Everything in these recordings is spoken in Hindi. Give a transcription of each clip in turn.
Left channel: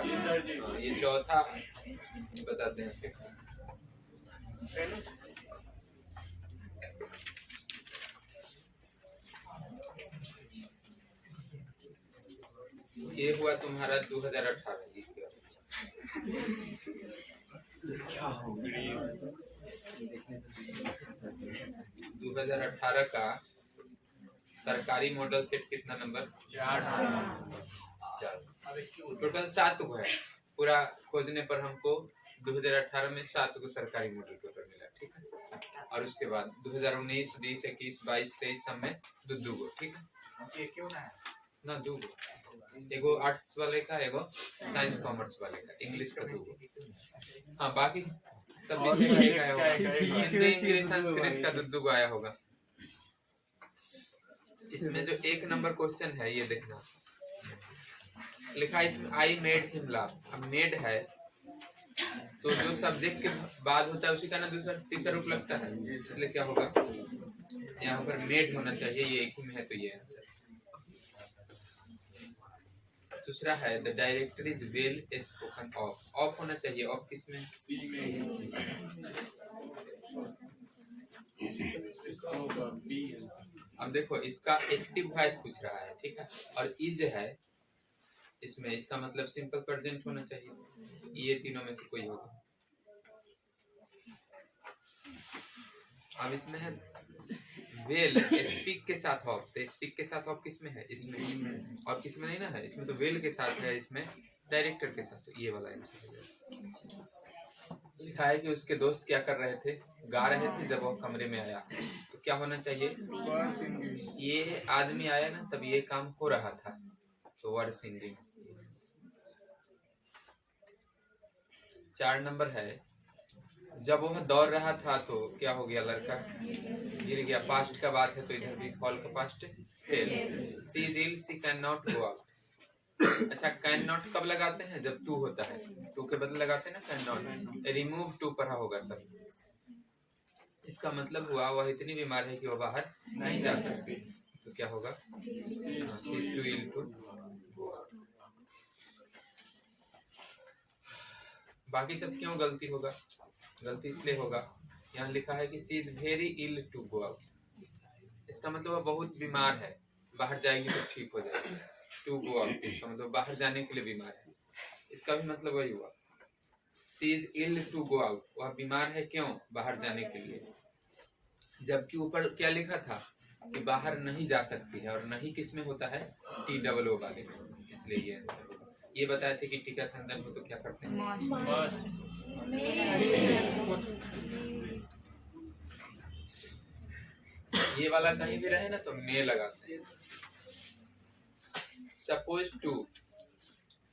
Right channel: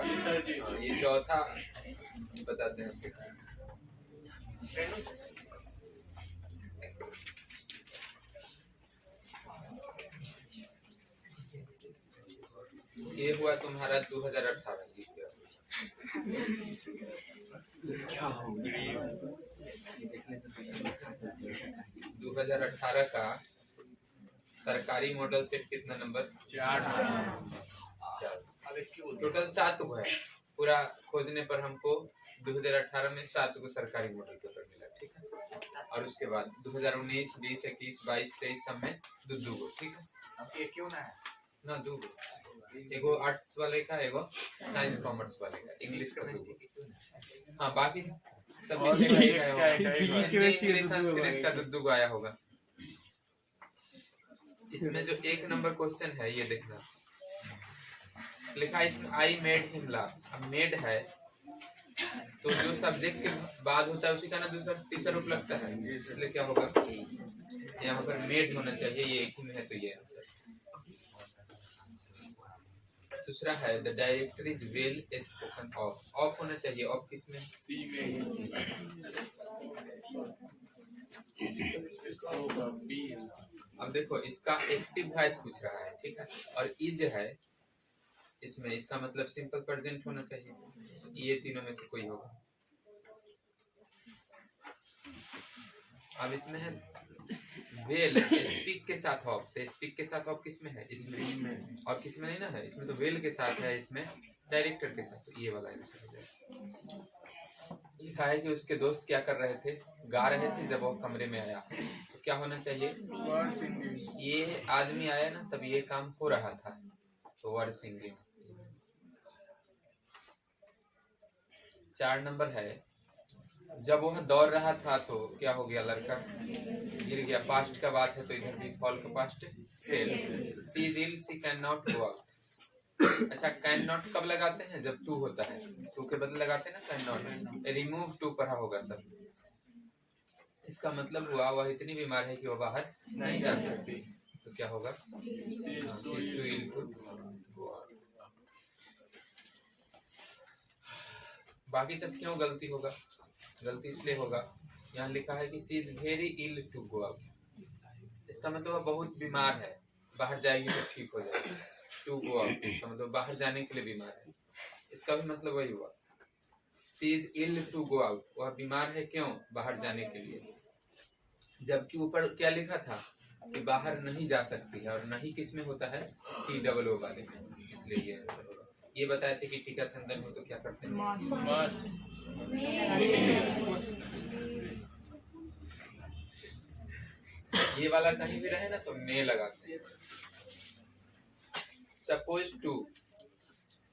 होगा। ये चौथा बताते हैं फिक्स। ये हुआ तुम्हारा 2018। ये क्या हो गया? 2018 का सरकारी मॉडल सेट कितना नंबर? 4। टोटल 7 को है। पूरा खोजने पर हमको 2018 में 7 को सरकारी मॉडल टोटल मिला, ठीक है। और उसके बाद 2019, 20, 21, 22, 23 सब में दो गो, ठीक है ना, 2 गो। एगो आर्ट्स वाले का, एगो साइंस कॉमर्स वाले का, इंग्लिश का 2 गो। हाँ, बाकी सब विषय में एक आया होगा। इंग्लिश संस्कृत का 2 गो आया होगा। इसमें जो 1 नंबर क्वेश्चन है ये देखना, लिखा है इसमें आई मेड हिम लाफ। अब मेड है तो जो सब्जेक्ट के बाद होता है उसी का ना दूसरा तीसरा रूप लगता है, इसलिए क्या होगा यहाँ पर मेड होना चाहिए। ये एक ही में है तो ये आंसर। दूसरा है the director is well spoken of. Of होना चाहिए। ऑफ किस में? सी में। अब देखो इसका एक्टिव वॉइस पूछ रहा है, ठीक है, और इज है इसमें, इसका मतलब सिंपल प्रेजेंट होना चाहिए। ये तीनों में से कोई होगा। अब इसमें है वेल स्पीक के साथ ऑफ। तो स्पीक के साथ ऑफ किस में है? इसमें। और किस में नहीं ना है? इसमें तो वेल के साथ है, इसमें डायरेक्टर के साथ। तो ये वाला आंसर है। लिखा है कि उसके दोस्त क्या कर रहे थे? गा रहे थे जब वो कमरे में आया। तो क्या होना चाहिए? ये आदमी आया ना तब ये काम हो रहा था, तो वर सिंगिंग। 4 नंबर है जब वह दौड़ रहा था तो क्या हो गया? लड़का गिर गया। पास्ट का बात है तो इधर भी फॉल का past fell. She is ill, she can not go out. अच्छा, कैन नॉट कब लगाते हैं? जब टू होता है। टू के बदले लगाते हैं ना कैन नॉट। रिमूव टू पढ़ा होगा सब। इसका मतलब हुआ वह इतनी बीमार है कि वह बाहर नहीं जा सकती। तो क्या होगा? बाकी सब क्यों गलती होगा? गलती इसलिए होगा, यहाँ लिखा है कि she is very ill to go out. इसका मतलब वह बहुत बीमार है, बाहर जाएगी तो ठीक हो जाएगी। टू गो आउट इसका मतलब बाहर जाने के लिए बीमार है। इसका भी मतलब वही हुआ। She is ill to go out, वह बीमार है क्यों? बाहर जाने के लिए। जबकि ऊपर क्या लिखा था कि बाहर नहीं जा सकती है, और नहीं किस में होता है? टी डबल ओ वाले, इसलिए ये आंसर होगा। ये बताए थे कि टीका संदन हो तो क्या करते हैं? ये वाला कहीं भी रहे ना तो मे लगाते हैं। सपोज टू,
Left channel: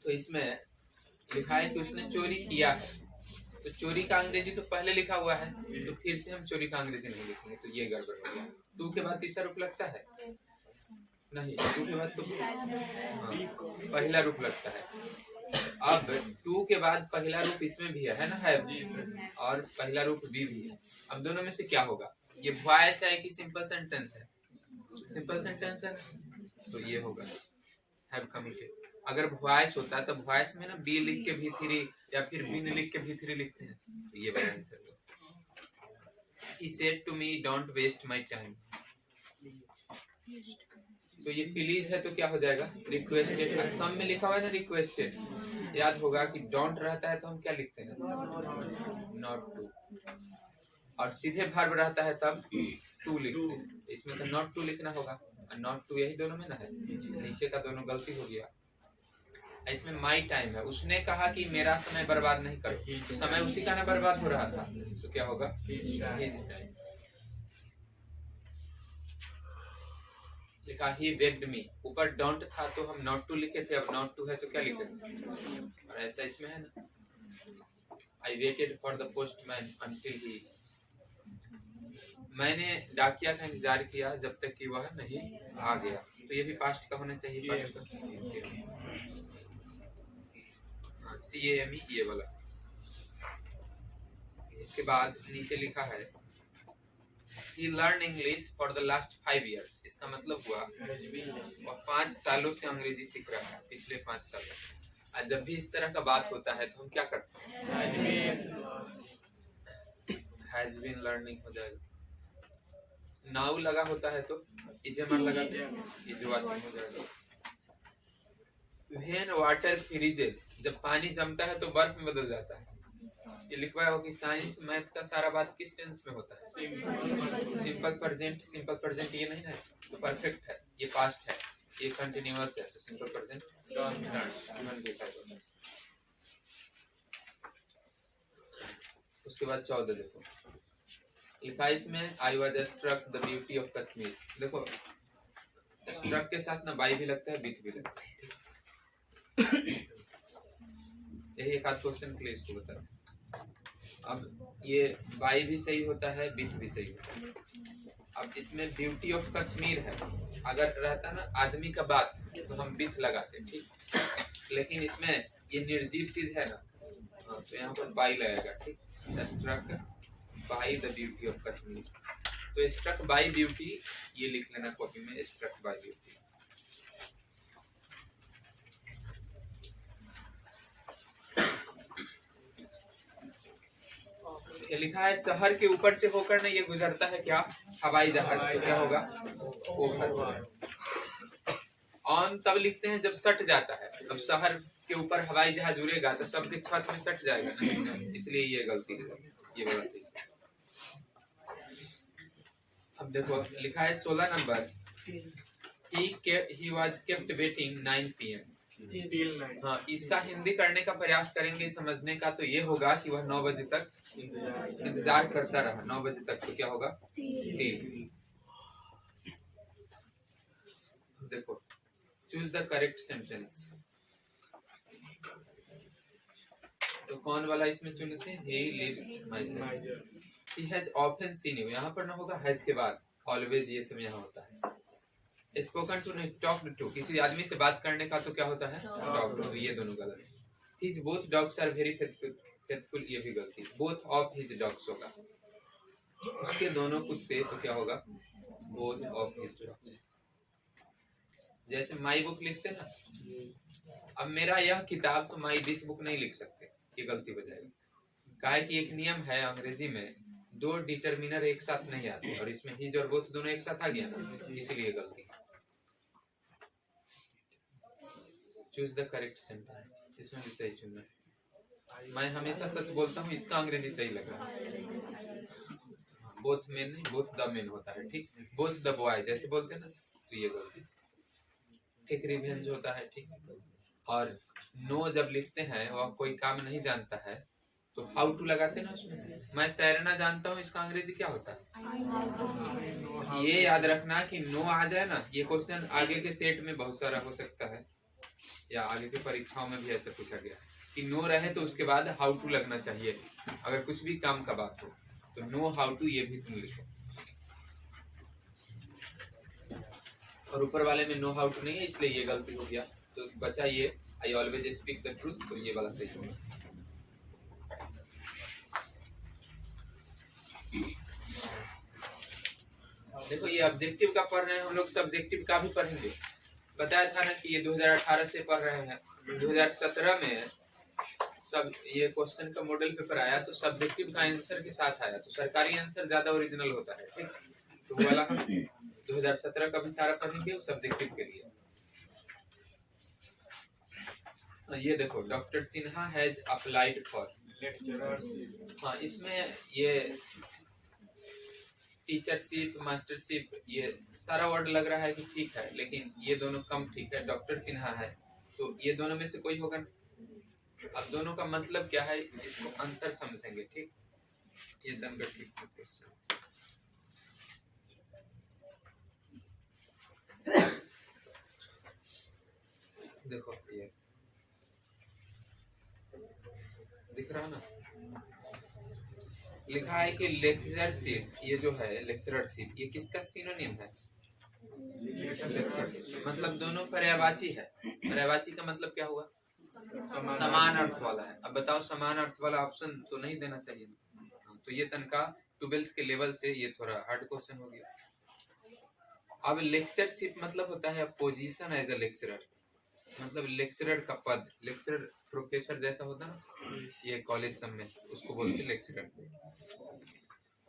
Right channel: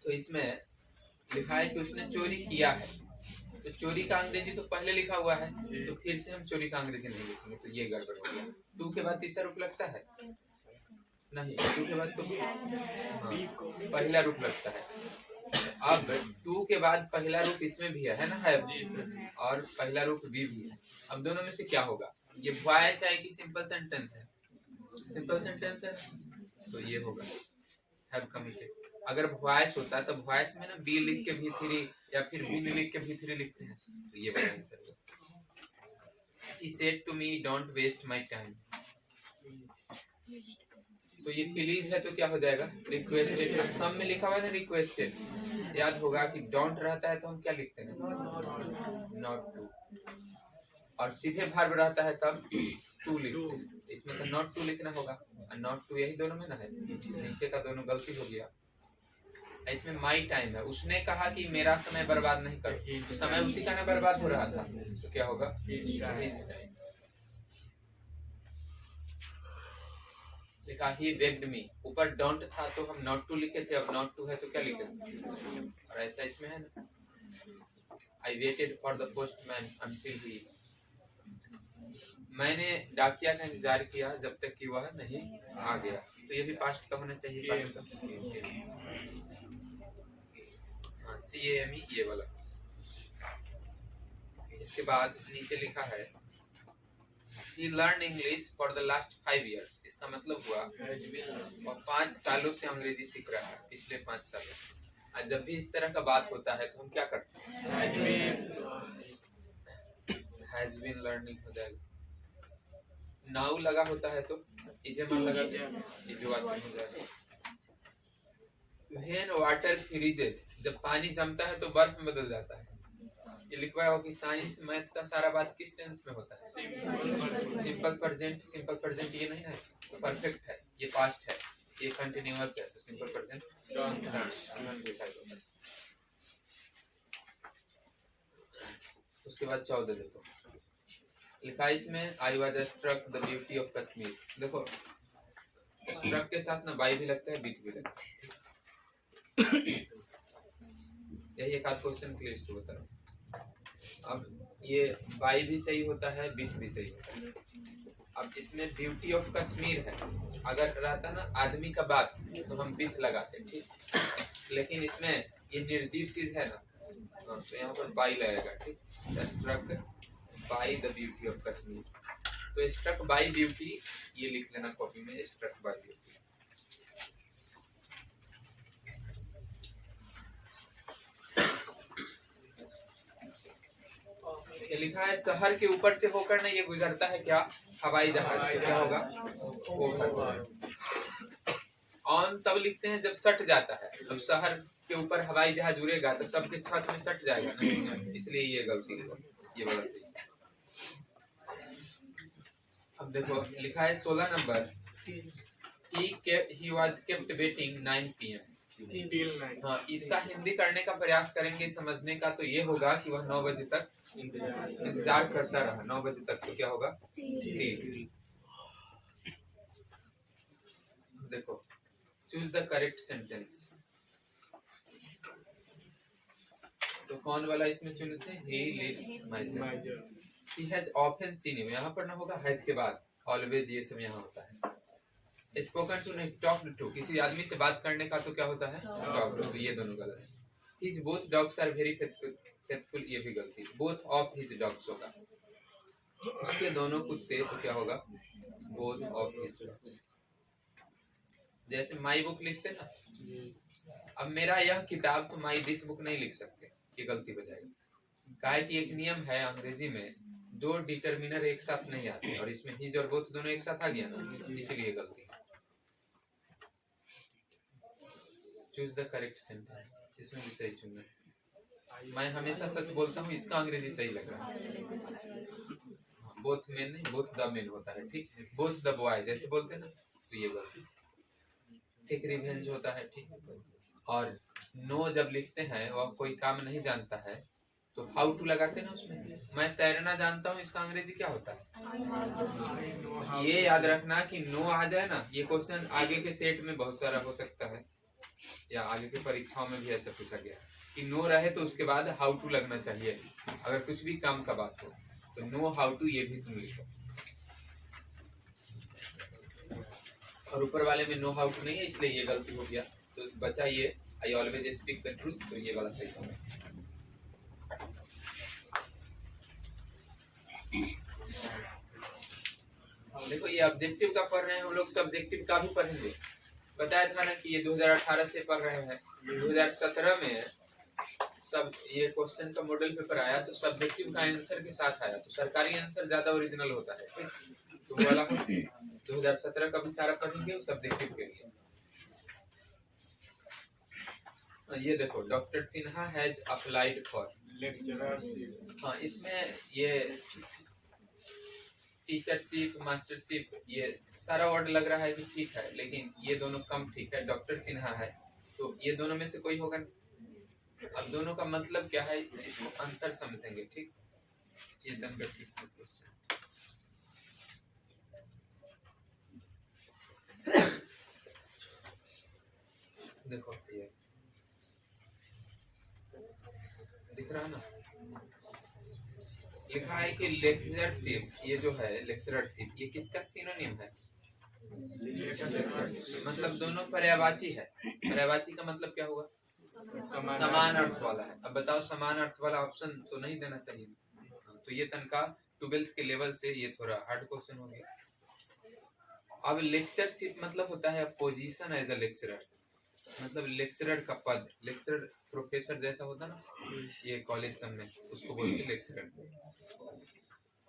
तो इसमें लिखा है कि उसने चोरी किया है। तो चोरी का अंग्रेजी तो पहले लिखा हुआ है, तो फिर से हम चोरी का अंग्रेजी नहीं लिखेंगे, तो ये गड़बड़ हो गया। टू के बाद तीसरा रूप लगता है? नहीं, टू के बाद तो पहला रूप लगता है। अब टू के बाद पहला रूप इसमें भी है ना, है, और पहला रूप बी भी है। अब दोनों में से क्या होगा? ये वॉइस है कि सिंपल सेंटेंस है? सिंपल सेंटेंस है, तो ये होगा हैव कमिटेड। अगर वॉइस होता तो वॉइस में ना बी लिख के भी थ्री या फिर बीन लिख के भी थ्री लिखते हैं, तो ये वाला आंसर होगा। He said to me, don't waste my time. तो ये प्लीज है तो क्या हो जाएगा? रिक्वेस्टेड। सब में लिखा हुआ है ना रिक्वेस्टेड। याद होगा कि डोंट रहता है तो हम क्या लिखते हैं? Not to. और सीधे वर्ब रहता है तब टू लिखते हैं। इसमें तो नॉट टू लिखना होगा, और नॉट टू यही दोनों में ना है। नीचे का दोनों गलती हो गया। इसमें माई टाइम है। उसने कहा कि मेरा समय बर्बाद नहीं करो, तो समय उसी का ना बर्बाद हो रहा था, तो क्या होगा? लिखा ही बेग्ड मी। ऊपर डोंट था तो हम नॉट टू लिखे थे, अब नॉट टू है तो क्या लिखे? और ऐसा इसमें है ना, I waited for the postman until he. मैंने डाकिया का इंतजार किया जब तक कि वह नहीं आ गया। तो ये भी पास्ट का होना चाहिए। पास्ट का CAME, ये वाला। इसके बाद नीचे लिखा है He learned English for the last 5 years. इसका मतलब हुआ वह 5 सालों से अंग्रेजी सीख रहा है, पिछले 5 सालों। और जब भी इस तरह का बात होता है तो हम क्या करते हैं, हैज बीन लर्निंग हो जाएगा। नाउ लगा होता है तो इजेमर लगा इज वाचिंग हो जाएगा। व्हेन वाटर फ्रीजेज, जब पानी जमता है तो बर्फ में बदल जाता है। ये लिखवाया हो कि साइंस मैथ का सारा बात किस टेंस में होता है, सिंपल प्रेजेंट। सिंपल प्रेजेंट ये नहीं है तो परफेक्ट है, ये पास्ट है, ये कंटिन्यूअस है तो सिंपल प्रेजेंट डन। उसके बाद 14 देखो, लिखा इसमें I was struck the beauty of Kashmir. देखो स्ट्रक के साथ ना बाई भी लगता है, बीट भी लगता है। यही एक आध क्वेश्चन के लिए इसको बता रहा हूँ। अब ये बाई भी सही होता है, बीट भी सही होता है। अब इसमें ब्यूटी ऑफ कश्मीर है, अगर रहता ना आदमी का बात तो हम बीट लगाते, ठीक। लेकिन इसमें ये निर्जीव चीज है ना, तो यहाँ पर बाई लगेगा, ठीक। Struck by the beauty of Kashmir, तो स्ट्रक बाई ब्यूटी ये लिख लेना कॉपी में, स्ट्रक बाई ब्यूटी। ये लिखा है शहर के ऊपर से होकर ना ये गुजरता है क्या, हवाई जहाज। तो क्या होगा, ओवर। ऑन तब लिखते हैं जब सट जाता है। अब शहर के ऊपर हवाई जहाज उड़ेगा तो सबके छत में सट जाएगा ना, इसलिए ये गलती है, ये वाला सही। अब देखो लिखा है 16 number, he was kept waiting 9 PM। हाँ, इसका हिंदी करने का प्रयास करेंगे समझने का, तो ये होगा कि वह 9 बजे तक इंतजार करता रहा। 9 बजे तक तो क्या होगा, देखो चूज द करेक्ट सेंटेंस। तो कौन वाला इसमें चुनते हैं, he lives myself, he has often seen you। यहाँ पर ना होगा हैज के बाद ऑलवेज, ये सब यहाँ होता है। स्पोकन टू नहीं, टॉक टू, किसी आदमी से बात करने का तो क्या होता है, टॉक टू। ये दोनों गलत। His both dogs are very faithful, ये भी गलती। बोथ ऑफ हिज डॉग्स होगा, उसके दोनों कुत्ते, तो क्या होगा, बोथ ऑफ हिज डॉग्स। जैसे माई बुक लिखते ना, अब मेरा यह किताब, तो माई दिस बुक नहीं लिख सकते, ये गलती हो जाएगी। कहा कि एक नियम है अंग्रेजी में, 2 डिटर्मिनर एक साथ नहीं आते, और इसमें हिज और बोथ दोनों एक साथ आ गया ना, इसलिए गलती। चूज द करेक्ट सेंटेंस, इसमें भी सही चुनना है। मैं हमेशा सच बोलता हूँ, इसका अंग्रेजी सही लग रहा है। बोथ मेन नहीं, बोथ द मेन होता है, ठीक। बोथ द बॉय जैसे बोलते हैं ना, तो ये गलती, ठीक। रिवेंज होता है, ठीक। और नो जब लिखते हैं वह कोई काम नहीं जानता है, तो हाउ टू लगाते हैं ना उसमें। मैं तैरना जानता हूँ, इसका अंग्रेजी क्या होता है। ये याद रखना कि नो आ जाए ना, ये क्वेश्चन आगे के सेट में बहुत सारा हो सकता है, या आगे की परीक्षाओं में भी ऐसे पूछा गया कि नो रहे तो उसके बाद हाउ टू लगना चाहिए, अगर कुछ भी काम का बात हो तो नो हाउ टू ये भी तुम लिखो। और ऊपर वाले में नो हाउ टू नहीं है, इसलिए ये गलती हो गया। तो बचा ये I always speak the truth, तो ये वाला सही होगा। देखो ये ऑब्जेक्टिव का पढ़ रहे हैं हम लोग, सब्जेक्टिव का भी पढ़ेंगे। बताया था ना कि ये 2018 से पढ़ रहे हैं, 2017 में सब ये क्वेश्चन का मॉडल पेपर आया तो सब्जेक्टिव का आंसर के साथ आया, तो सरकारी आंसर ज्यादा ओरिजिनल होता है, ठीक। तो वो वाला हम 2017 का भी सारा पढ़ेंगे, वो सब्जेक्टिव के लिए। ये देखो doctor Sinha has applied for lecturership. हाँ, इसमें ये टीचरशिप, मास्टरशिप, ये सारा वर्ड लग रहा है कि ठीक है, लेकिन ये दोनों कम ठीक है। डॉक्टर सिन्हा है तो ये दोनों में से कोई होगा। अब दोनों का मतलब क्या है, इसको अंतर समझेंगे, ठीक। चेतन का ठीक क्वेश्चन। देखो ये दिख रहा है ना, लिखा है कि लेक्चरशिप, ये जो है लेक्चररशिप, ये किसका सिनोनिम है, मतलब दोनों पर्यायवाची है। पर्यायवाची का मतलब क्या हुआ, समान अर्थ वाला है। अब बताओ समान अर्थ वाला ऑप्शन तो नहीं देना चाहिए, तो ये तनका 12th के लेवल से ये थोड़ा हार्ड क्वेश्चन हो गया। अब लेक्चरशिप मतलब होता है पोजीशन एज अ लेक्चरर, मतलब लेक्चरर का पद, लेक्चरर प्रोफेसर जैसा होता ना ये कॉलेज सब में, उसको बोलते हैं लेक्चरर।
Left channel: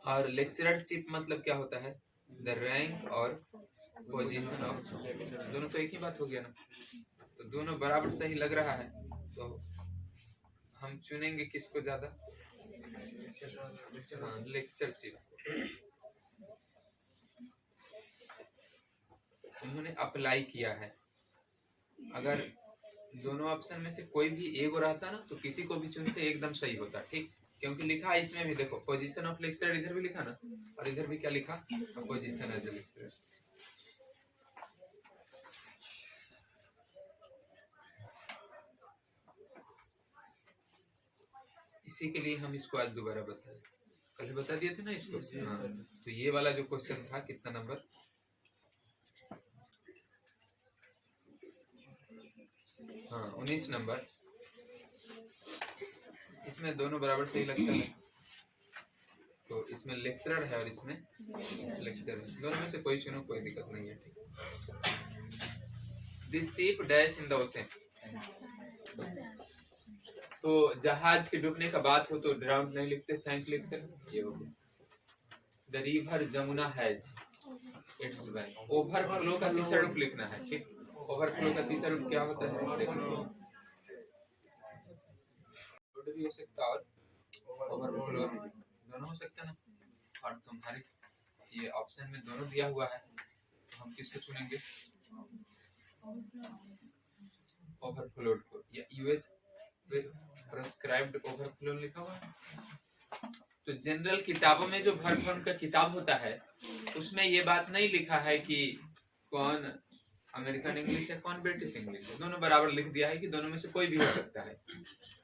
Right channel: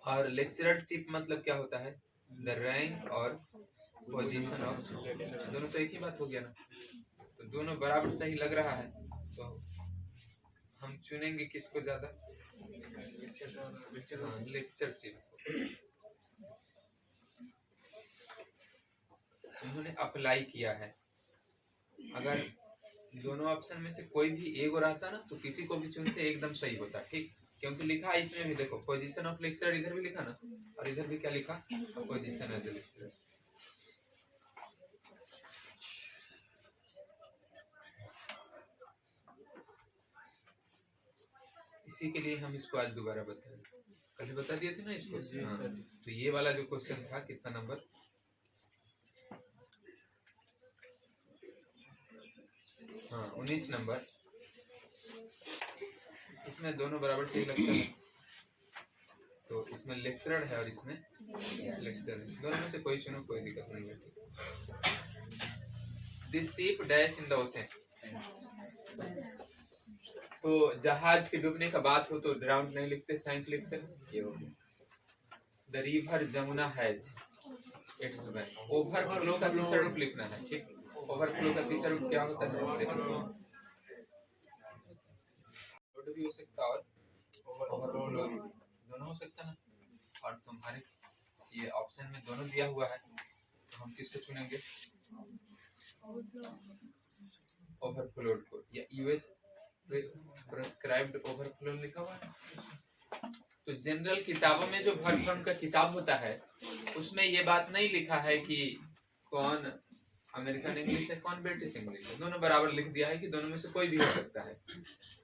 और लेक्चररशिप मतलब क्या होता है? द रैंक और पोजीशन ऑफ, दोनों तो एक ही बात हो गया ना, तो दोनों बराबर सही लग रहा है, तो हम चुनेंगे किसको ज्यादा? लेक्चरशिप। उन्होंने अप्लाई किया है। अगर दोनों ऑप्शन में से कोई भी एक रहता ना तो किसी को भी चुनते एकदम सही होता, ठीक, क्योंकि लिखा है इसमें भी, देखो पोजीशन ऑफ लेक्चरर इधर भी लिखा ना, और इधर भी क्या लिखा? Position as a lecturer. इसी के लिए हम इसको आज दोबारा बताए, कल बता दिए थे ना इसको। हाँ, तो ये वाला जो क्वेश्चन था, कितना नंबर? हाँ 19 नंबर। इसमें दोनों बराबर सही लगता है, तो इसमें लेक्चरर है और इसमें लेक्चरर है, दोनों में से कोई चुनो, कोई दिक्कत नहीं है, ठीक। This ship dash in the ocean, तो जहाज के डूबने का बात हो तो ड्राउंड नहीं लिखते, सैंक लिखते हैं, ये हो गया। The river Jamuna has its bank, overflow का तीसरा रूप लिखना है, ठीक। ओवरफ्लो का तीसरा रूप क्या होता है? देखो भी हो सकता है और ओवरफ्लो दोनों हो सकता है ना, और तुम्हारे ये ऑप्शन में दोनों दिया हुआ है, तो हम किसको चुनेंगे? ओवरफ्लोड को, या यूएस प्रिस्क्राइब्ड ओवरफ्लो लिखा हुआ है। तो जनरल किताबों में जो वर्ब फॉर्म का किताब होता है उसमें ये बात नहीं लिखा है कि कौन अमेरिकन इंग्लिश है कौन ब्रिटिश इंग्लिश है, दोनों बराबर लिख दिया है कि दोनों में से कोई भी हो सकता है।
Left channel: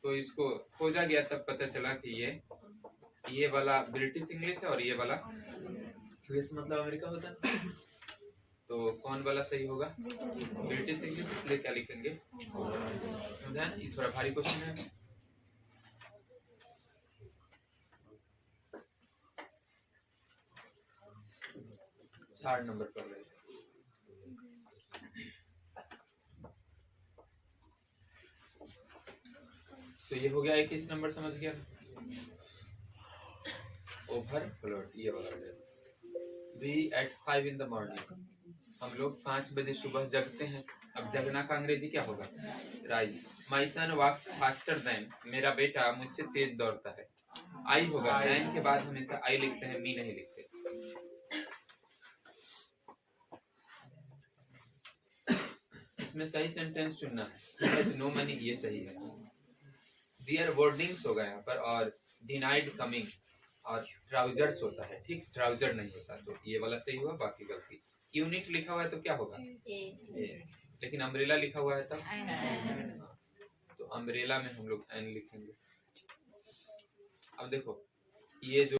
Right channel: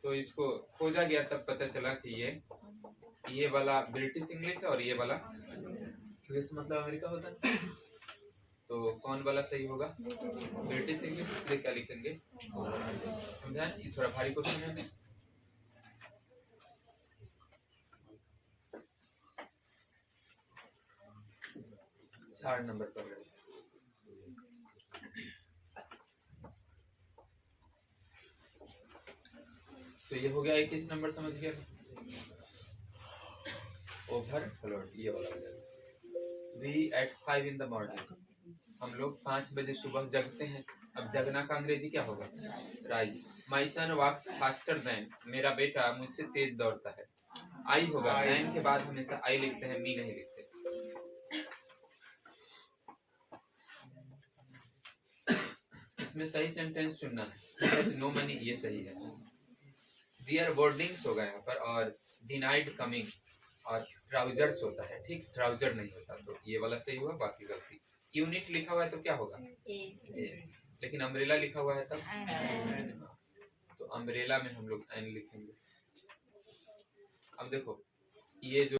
तो इसको खोजा गया तब पता चला कि ये वाला ब्रिटिश इंग्लिश है और ये वाला यूएस मतलब अमेरिका होता है, तो कौन वाला सही होगा? British English. इसलिए क्या लिखेंगे? समझा? ये थोड़ा भारी क्वेश्चन है। 4 नंबर पर रहे। तो ये हो गया 21 नंबर, समझ गया? ओवरफ्लोड ये वाला हो जाएगा। We at 5 in the morning, हम लोग 5 बजे सुबह जगते हैं। अब जगना का अंग्रेजी क्या होगा? राइज। माई सन वॉक्स फास्टर देन, मेरा बेटा मुझसे तेज दौड़ता है। आई होगा, देन के बाद हमेशा आई लिखते हैं, मी नहीं लिखते। इसमें सही सेंटेंस चुनना है। नो मनी ये सही है। दियर बोर्डिंग्स होगा यहाँ पर, और डिनाइड कमिंग, और ट्राउजर्स होता है, ठीक, ट्राउजर नहीं होता, तो ये वाला सही हुआ, बाकी गलती। यूनिट लिखा हुआ है तो क्या होगा? ए। लेकिन अम्ब्रेला लिखा हुआ है तब, तो अम्ब्रेला में हम लोग एन लिखेंगे। अब देखो ये जो